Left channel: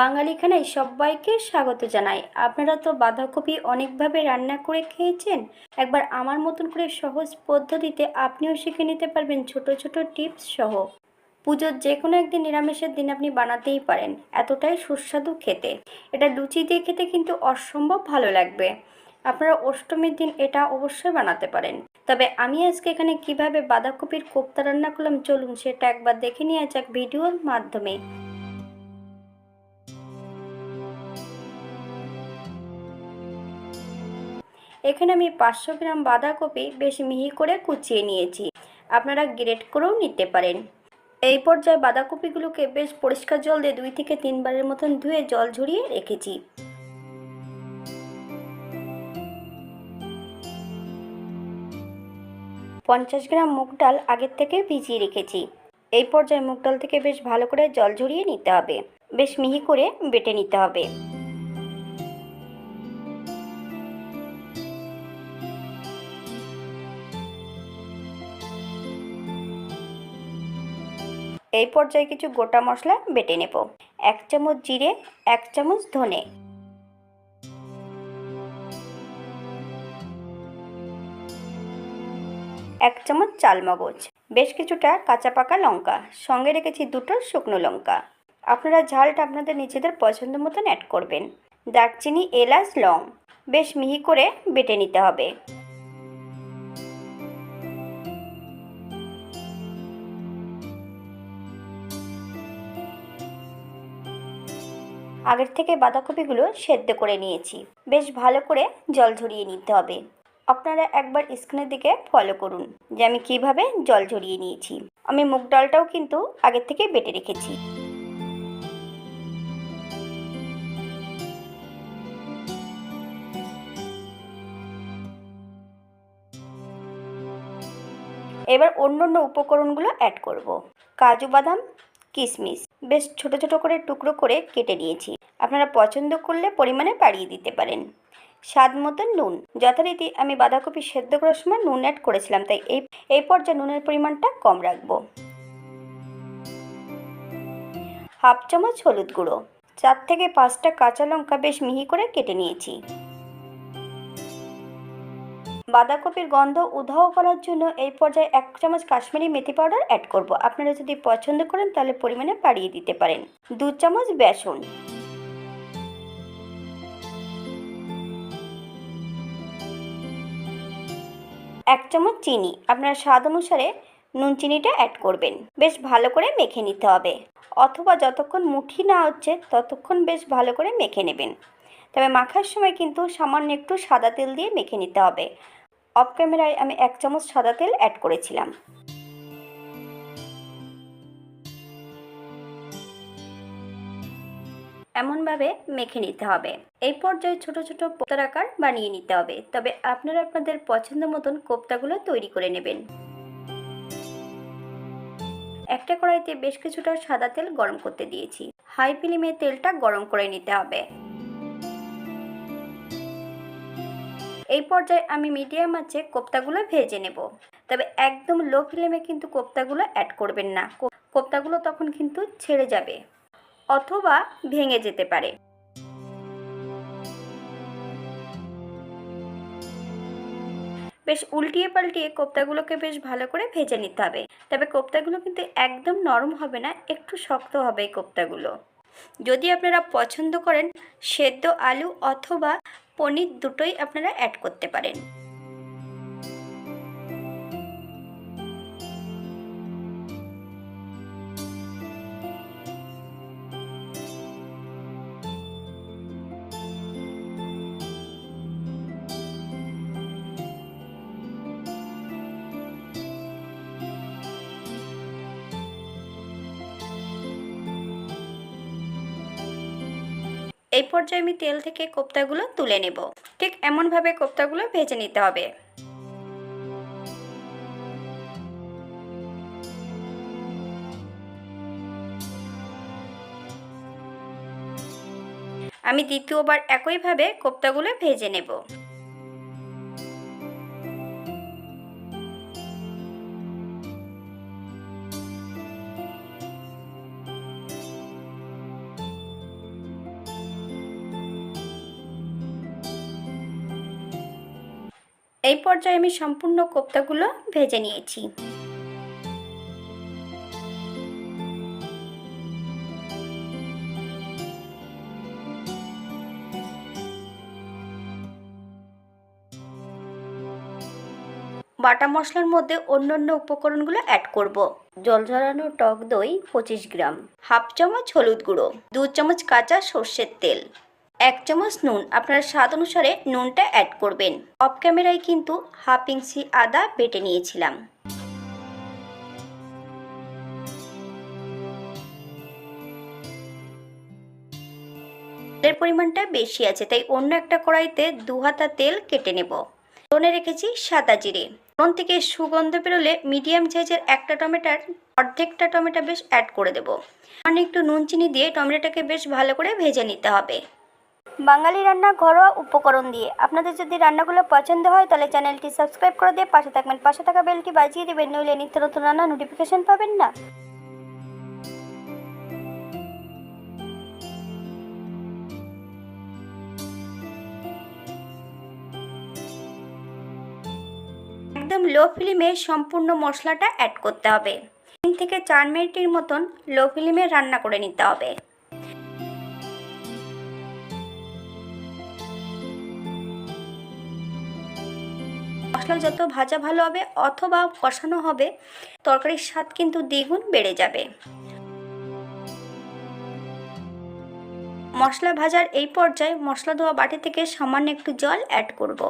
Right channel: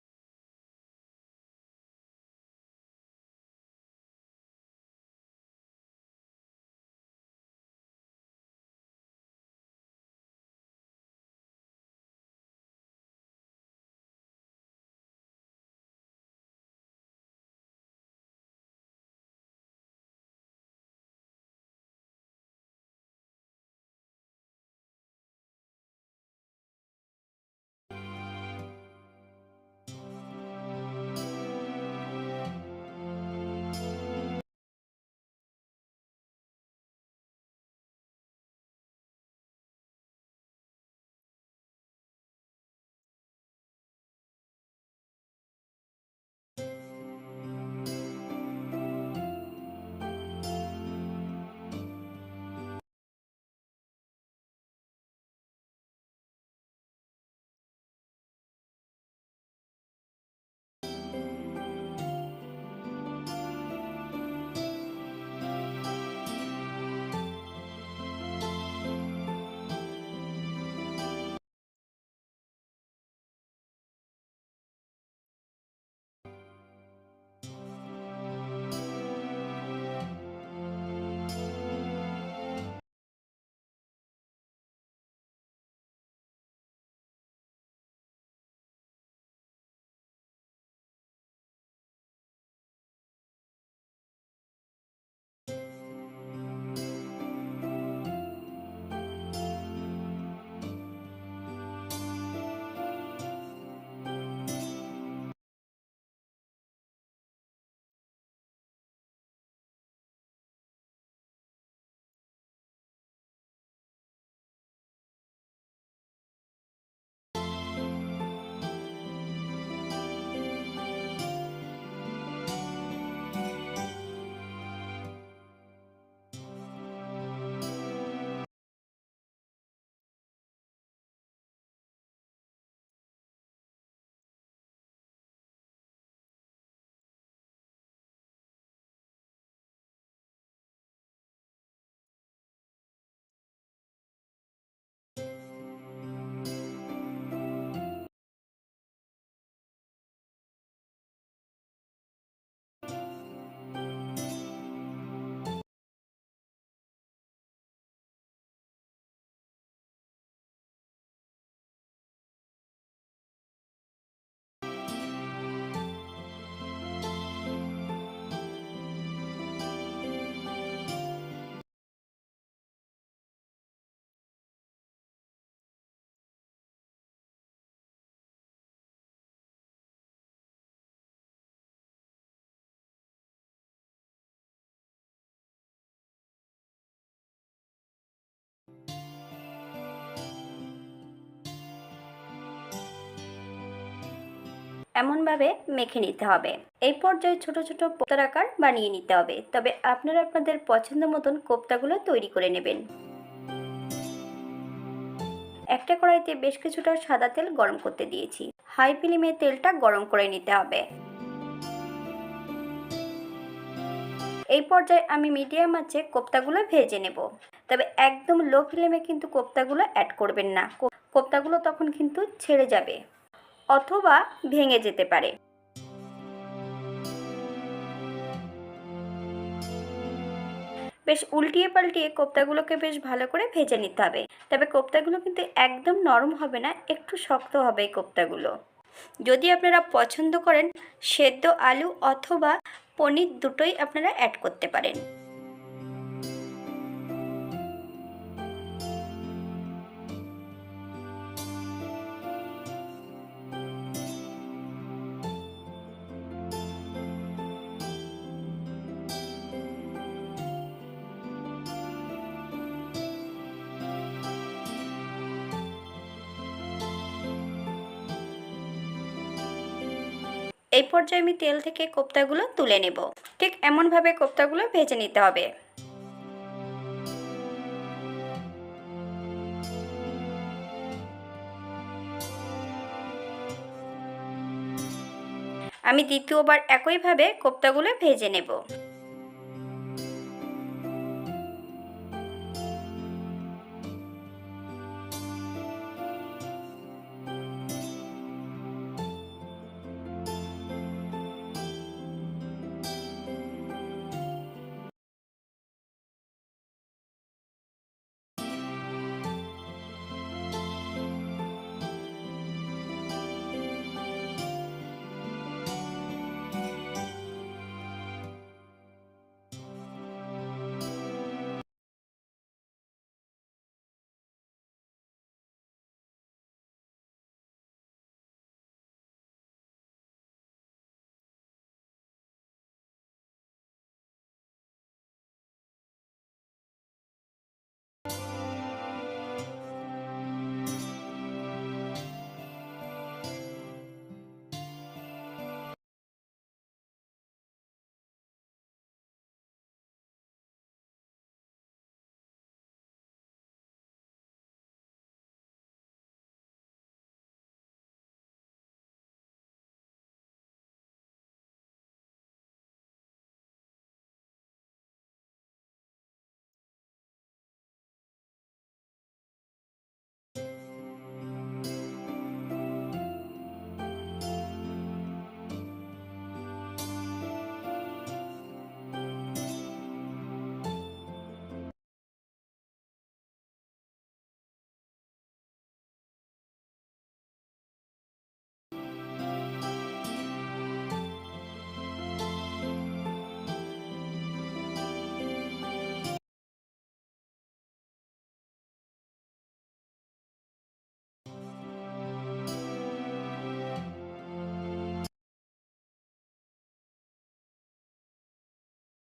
বাঙালি খানায় সবাইকে স্বাগত জানাই। আপনারা তো বাঁধাকপি অনেকভাবে রান্না করে খেয়েছেন। একবার আমার মতন করে সহজ পদ্ধতিতে আপনিও শিখে নিতে পারবেন ছোট ছোট টিপস সহ। পুজোর যে কোনো একদিন নিরামিষের দিন আপনি বানাতেই পারেন। এতটাই সুস্বাদু খেতে। এটা লুচি দিয়ে খেতে কিন্তু অসম্ভব ভালো লাগবে। আপনারা অষ্টমীর দিন এটা অবশ্যই বানাতে পারেন। তবে আমি আজকে এখানে কীভাবে বাঁধাকপির কোপ্তা রান্না করলাম চলুন সেটা একবার দেখে নিয়ে যাক ভিডিওর মাধ্যমে। এখানে আমি পাঁচশো গ্রাম বাঁধাকপি বেশ মিহি করে কুচিয়ে নিয়েছি। আপনারা গ্রেট করেও নিতে পারেন। এই পর্যায়ে বাঁধাকপিগুলোকে বেশ পরিষ্কার জল দিয়ে দুই থেকে তিনবারের মতন ধুয়ে জল ঝরিয়ে রেখেছি। পঞ্চাশ গ্রাম মুগ ডাল আগের থেকে ভিজিয়ে রেখেছি। এই পর্যায়ে মুগ ডাল থেকে বেশ ভালো করে জল ঝরিয়ে নিতে হবে। বেশ মিহি করে বেটে নিতে হবে। এই পর্যায়ে কিছু গোটা মশলা বেটে নেব। এক চামচ জিরে, এক চামচ ধনে। এক চামচ চালমগজ, বেশ কিছুটা কাঁচা পাকা লঙ্কা, সঙ্গে রেখেছি দুটো শুকনো লঙ্কা। আপনারা ঝালটা আপনাদের নিজেদের পছন্দ মতন অ্যাড করবেন। দারচিনি, এলাচ, লং, বেশ মিহি করে বেটে নিতে হবে। আগের থেকে বাঁধাকপিগুলো সেদ্ধ করে নিয়েছি। বেশ ভালো করে জল ঝরিয়ে নিতে হবে। আপনারা একবার স্ক্রিনের দিকে ফলো করুন যে আমি কীভাবে জল ঝরিয়ে নিয়েছি। আমি মুগ ডালটাও কিন্তু আগের থেকে বেটে রেখেছি। এবার অন্য অন্য উপকরণগুলো অ্যাড করব। কাজু বাদাম, কিশমিশ। বেশ ছোট ছোট করে টুকরো করে কেটে নিয়েছি। আপনারা পছন্দ করলে পরিমাণে বাড়িয়ে দিতে পারেন। স্বাদ মতন নুন। যথারীতি আমি বাঁধাকপি সেদ্ধ করার সময় নুন অ্যাড করেছিলাম, তাই এই এই পর্যায়ে নুনের পরিমাণটা কম রাখব। হাফ চামচ হলুদ গুঁড়ো। চার থেকে পাঁচটা কাঁচা লঙ্কা বেশ মিহি করে কেটে নিয়েছি। বাঁধাকপির গন্ধ উধাও করার জন্য এই পর্যায়ে এক চামচ কাশ্মীরি মেথি পাউডার অ্যাড করব। আপনারা যদি পছন্দ করেন তাহলে পরিমাণে বাড়িয়ে দিতে পারেন। দু চামচ বেসন। এক চামচ চিনি। আপনার স্বাদ অনুসারে নুন চিনিটা অ্যাড করবেন। বেশ ভালো করে মেখে নিতে হবে। অথবা যতক্ষণ মুঠি না হচ্ছে, ততক্ষণ বেশ ভালো করে মেখে নেবেন। তবে মাখার সময় কিন্তু সামান্য একটু সাদা তেল দিয়ে মেখে নিতে হবে। অফ ক্যামেরায় আমি এক চামচ সাদা তেল অ্যাড করেছিলাম। এমনভাবে মেখে নিতে হবে। এই পর্যায়ে ছোট ছোট কোপ্তার আকার বানিয়ে নিতে হবে। তবে আপনারা আপনাদের পছন্দ মতন কোপ্তাগুলো তৈরি করে নেবেন। একটা কড়াইতে বেশ কিছুটা সাদা তেল গরম করতে দিয়েছি। হাই ফ্লেমে তেলটা গরম করে নিতে হবে। এই পর্যায়ে আমি মিডিয়াম আঁচে কোপ্তাগুলো ভেজে নেব। তবে একদম লো ফ্লেমে কিন্তু কোপ্তাগুলো অ্যাড করবেন না। কোপ্তাগুলো তখন কিন্তু ছেড়ে যাবে অথবা ভেঙে যেতে পারে। বেশ উল্টিয়ে পাল্টিয়ে কোপ্তাগুলোকে বেশ ভালো করে ভেজে নিতে হবে। তবে কোপ্তাগুলো কিন্তু একদম নরম হবে না, একটু শক্ত হবে কোপ্তাগুলো। যদি আপনারা পছন্দ করেন সেদ্ধ আলু অথবা পনির দুটোই আপনারা অ্যাড করতে পারেন। এই পর্যায়ে আমি তেল থেকে কোপ্তাগুলো তুলে নেব। ঠিক এমনভাবে কোপ্তাগুলো ভেজে নিতে হবে। আমি দ্বিতীয়বার একইভাবে কোপ্তাগুলো ভেজে নেব। এই পর্যায়ে আমি সম্পূর্ণ কোপ্তাগুলো ভেজে নিয়েছি। বাটা মশলার মধ্যে অন্যান্য উপকরণগুলো অ্যাড করব। জল ঝরানো টক দই পঁচিশ গ্রাম, হাফ চামচ হলুদ গুঁড়ো, দু চামচ কাঁচা সর্ষের তেল। এক চামচ নুন। আপনার স্বাদ অনুসারে নুনটা অ্যাড করবেন। অফ ক্যামেরায় কিন্তু হাফ ইঞ্চি আদা বেটে নিয়েছিলাম। পরিমাণটা বেশি আছে, তাই অন্য একটা কড়াইতে দু হাতা তেল কেটে নেব। ফোড়নে রেখেছি সাদা জিরে। ফোড়ন থেকে সুগন্ধ বেরোলে মিডিয়াম সাইজের একটা টমেটার, অর্ধেকটা টমেটো বেশ অ্যাড করে দেবো। একটু নুন চিনি দিয়ে টমেটোটাকে বেশ ভালো করে ভেজে নিতে হবে। বাঙালি রান্না ঘরোয়া উপকরণ দিয়ে। আপনাদের যদি রান্নাগুলো পছন্দ হয়, তাহলে চ্যানেলটি সাবস্ক্রাইব করে দিয়ে পাশে থাকবেন। পাশে থাকা বেলটি বাজিয়ে দেবেন, নইলে নিত্য নতুন রান্না নোটিফিকেশন পাবেন না। একদম লো ফ্লেমে সম্পূর্ণ মশলাটা অ্যাড করতে হবে। তিন থেকে চার মিনিটের মতন লো ফ্লেমে রান্না করে নিতে হবে। মশলা যত ভাজা ভালো হবে অথবা কষানো হবে, তরকারির স্বাদ কিন্তু দ্বিগুণ বেড়ে যাবে। মশলা ভাজার এই পর্যায়ে মশলা ধোয়া বাটি থেকে সামান্য একটু জল অ্যাড করব।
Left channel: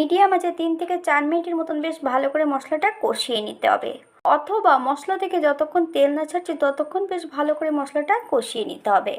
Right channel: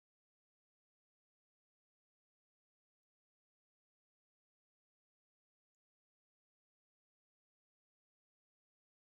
মিডিয়াম আছে তিন থেকে চার মিনিটের মতন বেশ ভালো করে মশলাটা কষিয়ে নিতে হবে। অথবা মশলা থেকে যতক্ষণ তেল না ছাড়ছে, ততক্ষণ বেশ ভালো করে মশলাটা কষিয়ে নিতে হবে।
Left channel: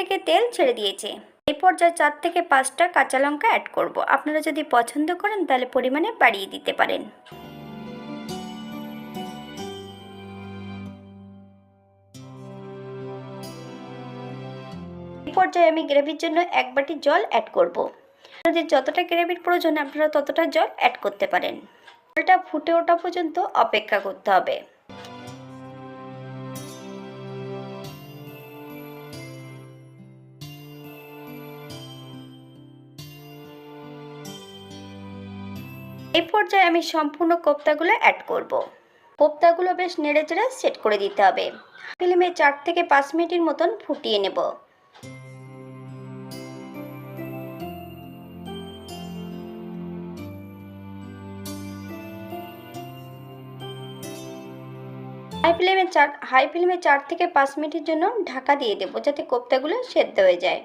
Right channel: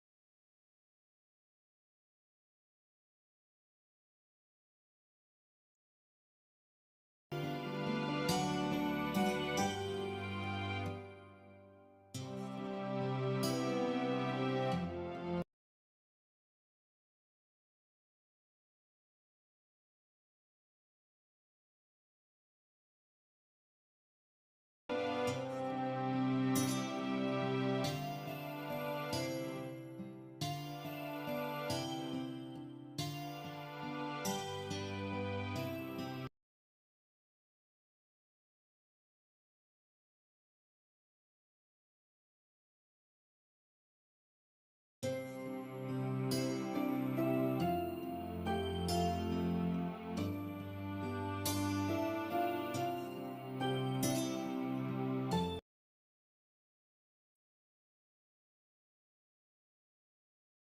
থেকে তেল ছেড়ে দিয়েছে। এই পর্যায়ে চার থেকে পাঁচটা কাঁচা লঙ্কা অ্যাড করব। আপনারা যদি পছন্দ করেন, তাহলে পরিমাণে বাড়িয়ে দিতে পারেন। পর্যায়ে আমি গ্রেভির জন্য এক বাটি জল অ্যাড করব। আপনাদের যতটা গ্রেভির প্রয়োজন, আপনারা ততটা জল অ্যাড করতে পারেন। জলটা ফুটে ওঠা পর্যন্ত অপেক্ষা করতে হবে। পর্যায়ে আমি সম্পূর্ণ কোপ্তাগুলো অ্যাড করব। কোপ্তাগুলো বেশ নেড়ে চেড়ে সেট করে দিতে হবে। ফিল্মে চার থেকে পাঁচ মিনিটের মতন ফুটিয়ে নেব। হাই ফ্লেমে চার হাই ফ্লেমে চার থেকে পাঁচ মিনিটের জন্য ঢাকা দিয়ে দেবো যাতে কোপ্তাগুলো সেদ্ধ হয়ে যায়।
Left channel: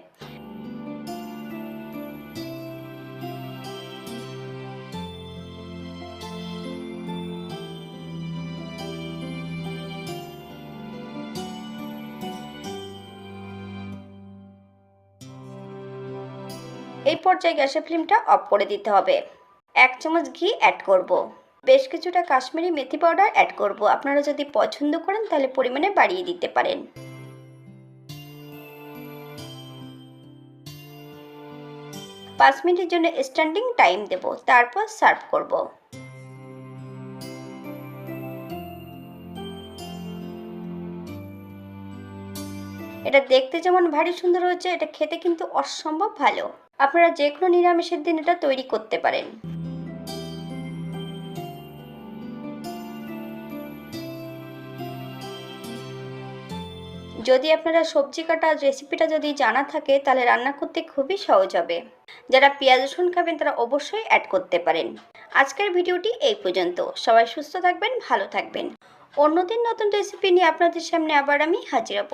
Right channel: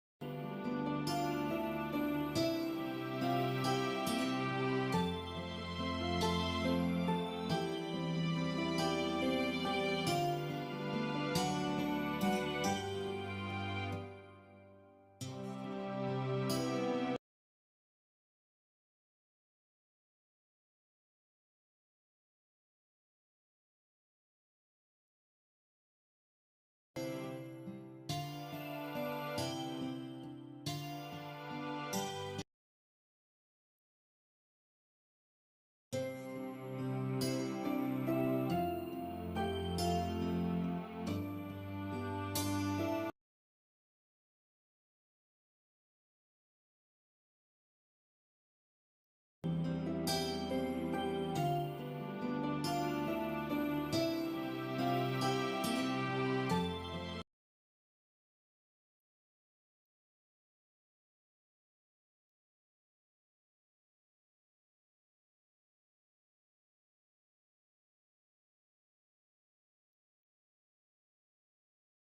এই পর্যায়ে গ্যাসের ফ্লেমটা অফ করে দিতে হবে। এক চামচ ঘি অ্যাড করব। বেশ কিছুটা কাশ্মীরি মেথি পাউডার অ্যাড করব। আপনারা যদি পছন্দ করেন, তাহলে পরিমাণে বাড়িয়ে দিতে পারেন। পাঁচ মিনিটের জন্য স্ট্যান্ডিং টাইম দেব। তারপর সার্ভ করব। এটা দেখতে যেমন ভারী সুন্দর হচ্ছে এটা খেতে কিন্তু অসম্ভব ভালো। আপনারা যে কোনো নিরামিষের দিন এটা তৈরি করতে পারেন। যদি আপনারা সবজি কাটার রেসিপিটা যদি জানা থাকে, তাহলে রান্না করতে খুবই সহজ হবে। যারা পেঁয়াজ, রসুন খাবেন, তারা অবশ্যই অ্যাড করতে পারেন। আজকের ভিডিওটি এই পর্যন্ত। সবাই সুস্থ থাকবেন, ভালো থাকবেন। অন্যদিন নতুন রেসিপি নিয়ে আপনাদের সামনে আবার আমি হাজির হব।